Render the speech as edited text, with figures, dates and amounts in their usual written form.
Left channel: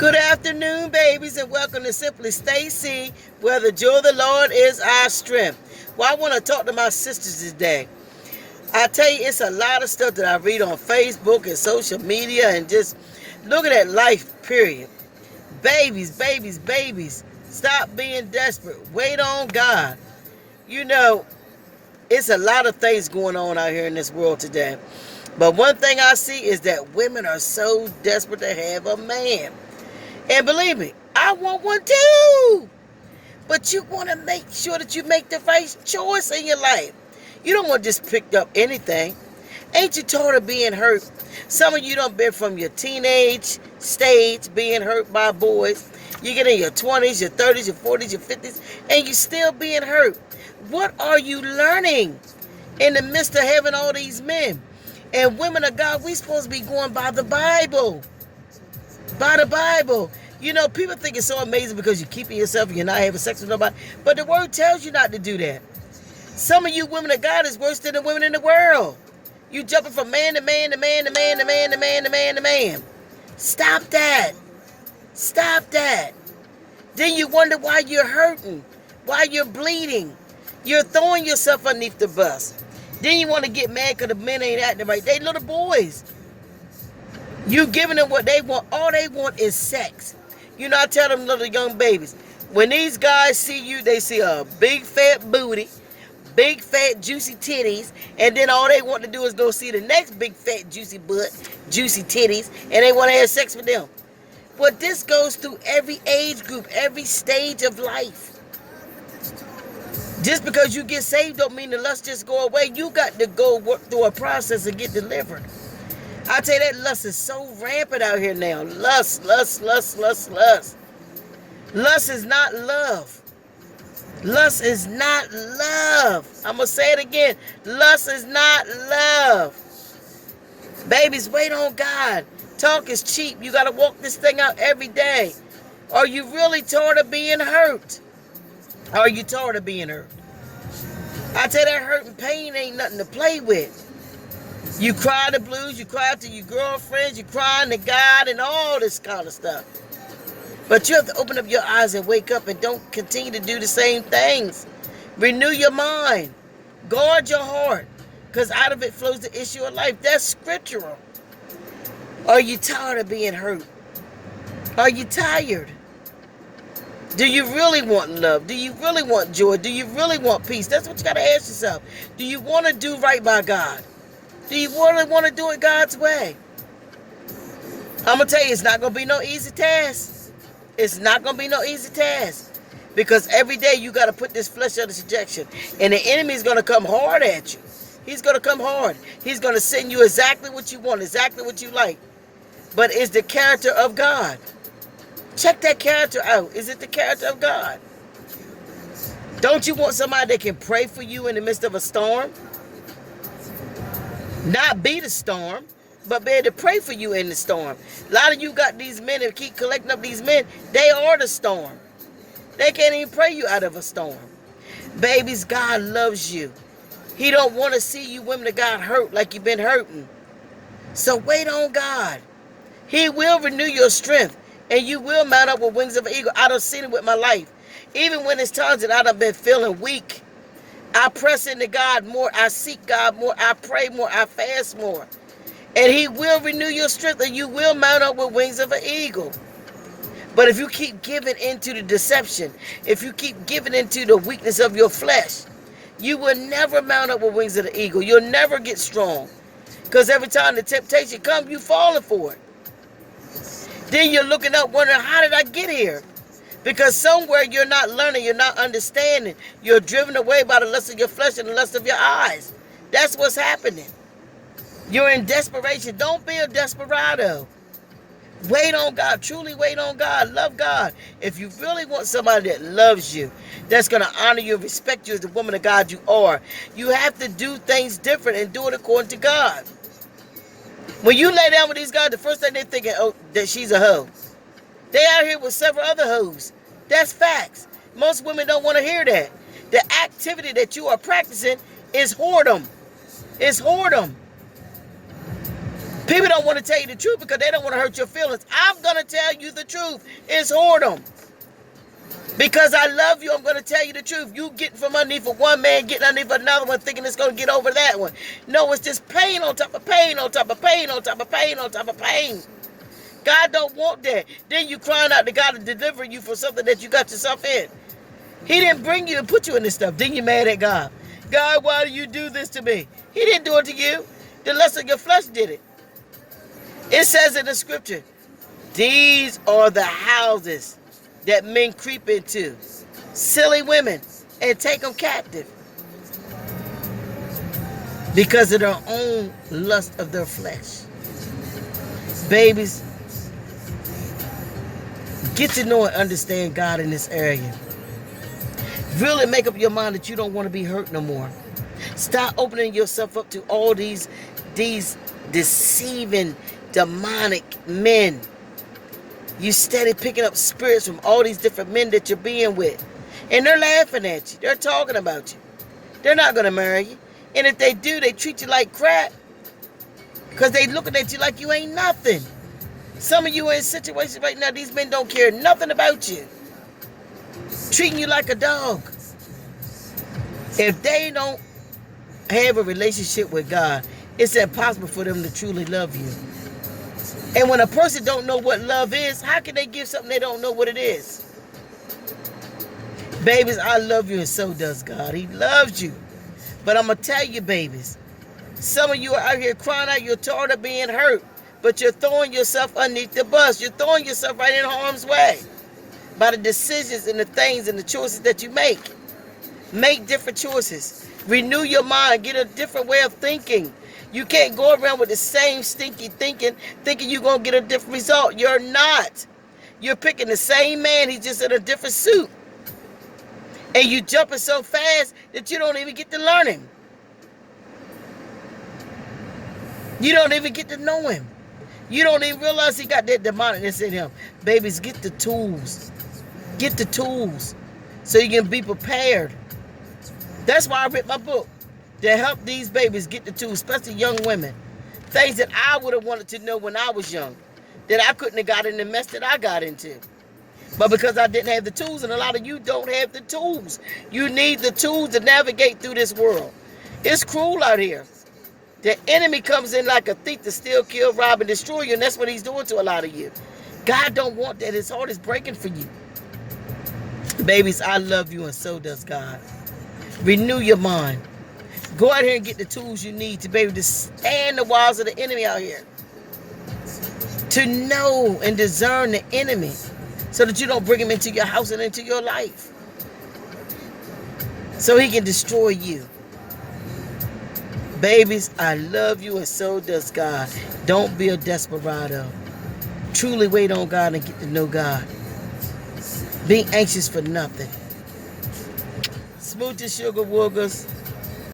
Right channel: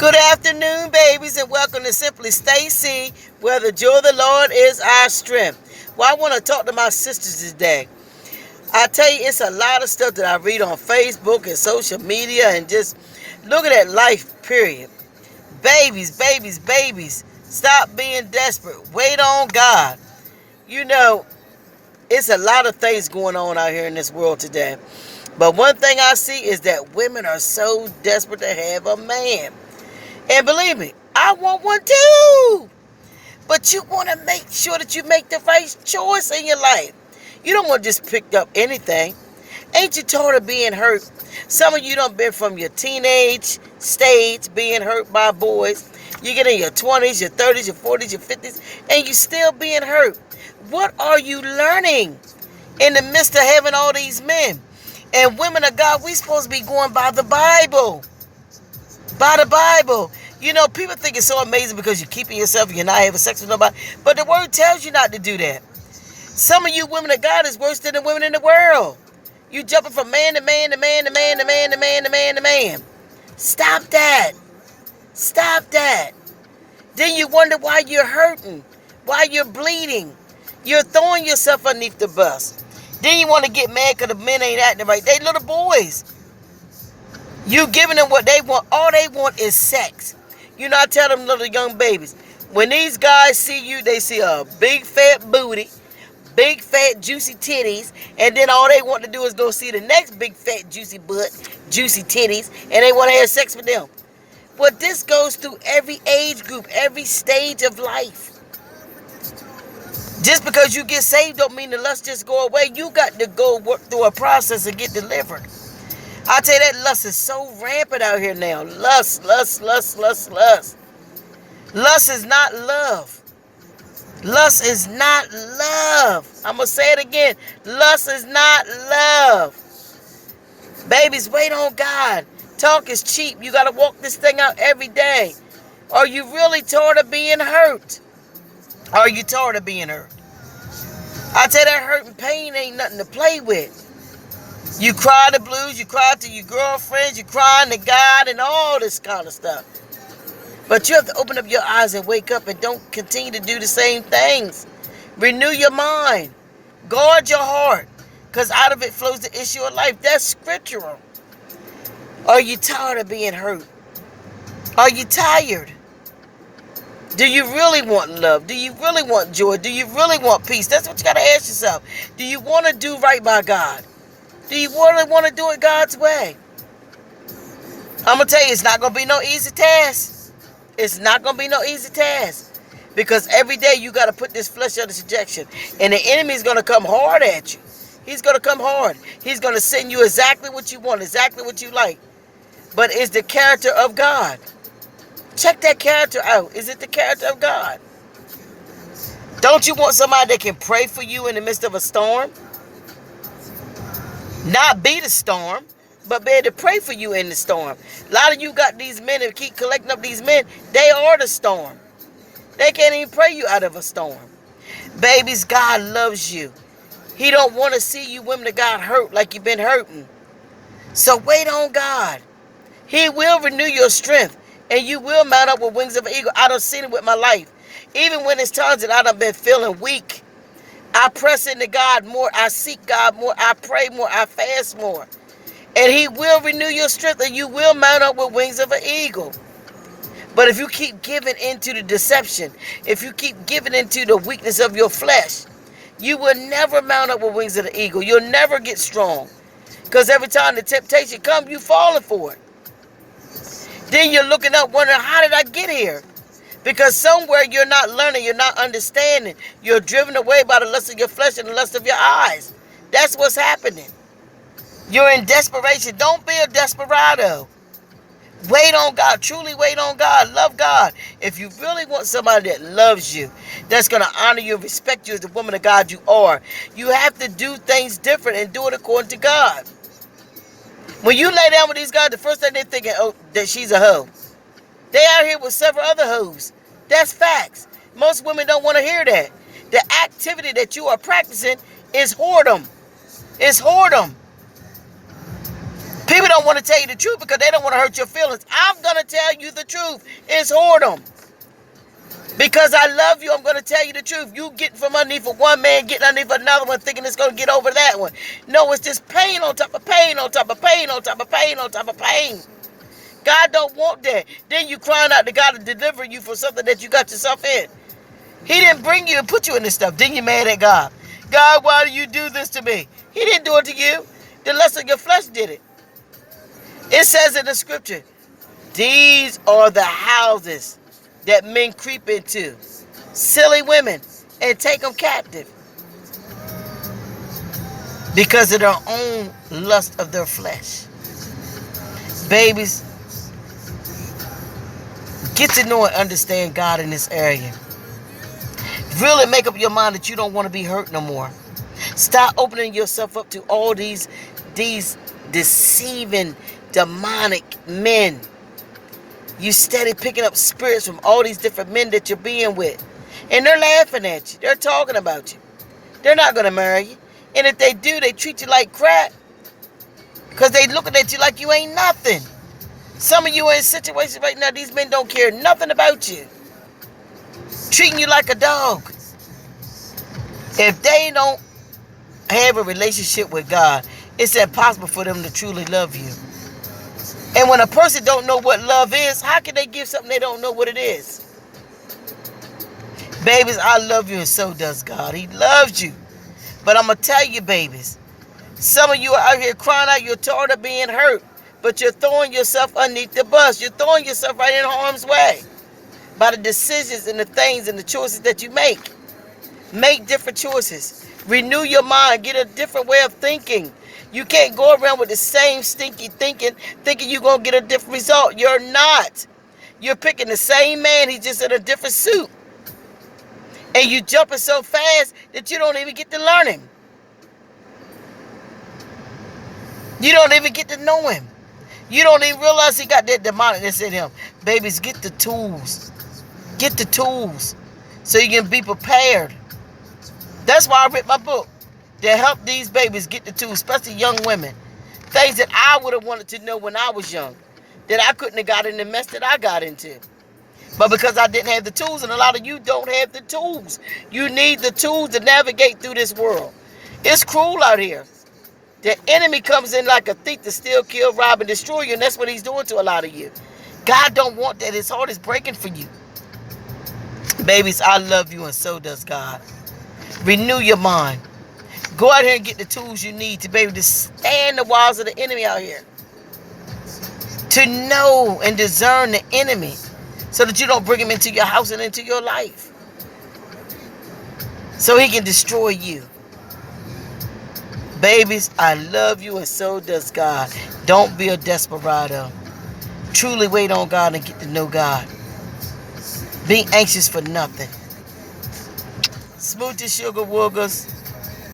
Good afternoon, babies, and welcome to Simply Stacy, where the joy of the Lord is our strength. Well, I want to talk to my sisters today. I tell you, it's a lot of stuff that I read on Facebook and social media and just looking at life, period. Babies, babies, babies, stop being desperate. Wait on God. You know, it's a lot of things going on out here in this world today. But one thing I see is that women are so desperate to have a man. And believe me, I want one too. But you want to make sure that you make the right choice in your life. You don't want to just pick up anything. Ain't you tired of being hurt? Some of you done been from your teenage stage being hurt by boys. You get in your 20s, your 30s, your 40s, your 50s, and you still being hurt. What are you learning in the midst of having all these men? And women of God, we supposed to be going by the Bible. By the Bible. You know, people think it's so amazing because you're keeping yourself and you're not having sex with nobody. But the word tells you not to do that. Some of you women of God is worse than the women in the world. You jumping from man to man to man to man to man to man to man to man. Stop that. Stop that. Then you wonder why you're hurting, why you're bleeding. You're throwing yourself underneath the bus. Then you want to get mad because the men ain't acting right. They little boys. You giving them what they want. All they want is sex. You know, I tell them little young babies, when these guys see you, they see a big fat booty, big fat juicy titties, and then all they want to do is go see the next big fat juicy butt, juicy titties, and they want to have sex with them. But this goes through every age group, every stage of life. Just because you get saved don't mean the lust just go away. You got to go work through a process and get delivered. I tell you, that lust is so rampant out here now. Lust, lust, lust, lust, lust. Lust is not love. Lust is not love. I'm going to say it again. Lust is not love. Babies, wait on God. Talk is cheap. You got to walk this thing out every day. Are you really tired of being hurt? Are you tired of being hurt? I tell you, that hurt and pain ain't nothing to play with. You cry the blues, you cry to your girlfriends, you crying to God and all this kind of stuff. But you have to open up your eyes and wake up and don't continue to do the same things. Renew your mind. Guard your heart. Because out of it flows the issue of life. That's scriptural. Are you tired of being hurt? Are you tired? Do you really want love? Do you really want joy? Do you really want peace? That's what you got to ask yourself. Do you want to do right by God? Do you really want to do it God's way? I'm going to tell you, it's not going to be no easy task. It's not going to be no easy task. Because every day you got to put this flesh under subjection. And the enemy is going to come hard at you. He's going to come hard. He's going to send you exactly what you want, exactly what you like. But it's the character of God. Check that character out. Is it the character of God? Don't you want somebody that can pray for you in the midst of a storm? Not be the storm, but be able to pray for you in the storm. A lot of you got these men that keep collecting up these men. They are the storm. They can't even pray you out of a storm. Babies, God loves you. He don't want to see you women that got hurt like you've been hurting. So wait on God. He will renew your strength. And you will mount up with wings of an eagle. I done seen it with my life. Even when it's times that I done been feeling weak, I press into God more. I seek God more. I pray more. I fast more. And He will renew your strength and you will mount up with wings of an eagle. But if you keep giving into the deception, if you keep giving into the weakness of your flesh, you will never mount up with wings of the eagle. You'll never get strong. Because every time the temptation comes, you're falling for it. Then you're looking up wondering, how did I get here? Because somewhere you're not learning, you're not understanding. You're driven away by the lust of your flesh and the lust of your eyes. That's what's happening. You're in desperation. Don't be a desperado. Wait on God. Truly wait on God. Love God. If you really want somebody that loves you, that's going to honor you and respect you as the woman of God you are, you have to do things different and do it according to God. When you lay down with these guys, the first thing they're thinking, oh, that she's a hoe. They out here with several other hoes. That's facts. Most women don't want to hear that. The activity that you are practicing is whoredom. It's whoredom. People don't want to tell you the truth because they don't want to hurt your feelings. I'm going to tell you the truth. It's whoredom. Because I love you, I'm going to tell you the truth. You getting from underneath of one man, getting underneath another one, thinking it's going to get over that one. No, it's just pain on top of pain on top of pain on top of pain on top of pain. God don't want that. Then you crying out to God to deliver you for something that you got yourself in. He didn't bring you and put you in this stuff. Then you mad at God. God, why do you do this to me? He didn't do it to you. The lust of your flesh did it. It says in the scripture, these are the houses that men creep into. Silly women, and take them captive. Because of their own lust of their flesh. Babies, get to know and understand God in this area. Really make up your mind that you don't want to be hurt no more. Stop opening yourself up to all these deceiving, demonic men. You steady picking up spirits from all these different men that you're being with. And they're laughing at you. They're talking about you. They're not going to marry you. And if they do, they treat you like crap. Because they looking at you like you ain't nothing. Some of you are in situations right now, these men don't care nothing about you. Treating you like a dog. If they don't have a relationship with God, it's impossible for them to truly love you. And when a person don't know what love is, how can they give something they don't know what it is? Babies, I love you and so does God. He loves you. But I'm going to tell you, babies, some of you are out here crying out, you're tired of being hurt, but you're throwing yourself underneath the bus. You're throwing yourself right in harm's way by the decisions and the things and the choices that you make. Make different choices. Renew your mind. Get a different way of thinking. You can't go around with the same stinky thinking you're going to get a different result. You're not. You're picking the same man. He's just in a different suit. And you jumping so fast that you don't even get to learn him. You don't even get to know him. You don't even realize he got that demonicness in him. Babies, get the tools. Get the tools so you can be prepared. That's why I wrote my book, to help these babies get the tools, especially young women. Things that I would have wanted to know when I was young, that I couldn't have got in the mess that I got into. But because I didn't have the tools, and a lot of you don't have the tools. You need the tools to navigate through this world. It's cruel out here. The enemy comes in like a thief to steal, kill, rob, and destroy you, and that's what he's doing to a lot of you. God don't want that. His heart is breaking for you. Babies, I love you, and so does God. Renew your mind. Go out here and get the tools you need to be able to stand the walls of the enemy out here. To know and discern the enemy so that you don't bring him into your house and into your life. So he can destroy you. Babies, I love you and so does God. Don't be a desperado. Truly wait on God and get to know God. Be anxious for nothing. Smooches, sugar woogers.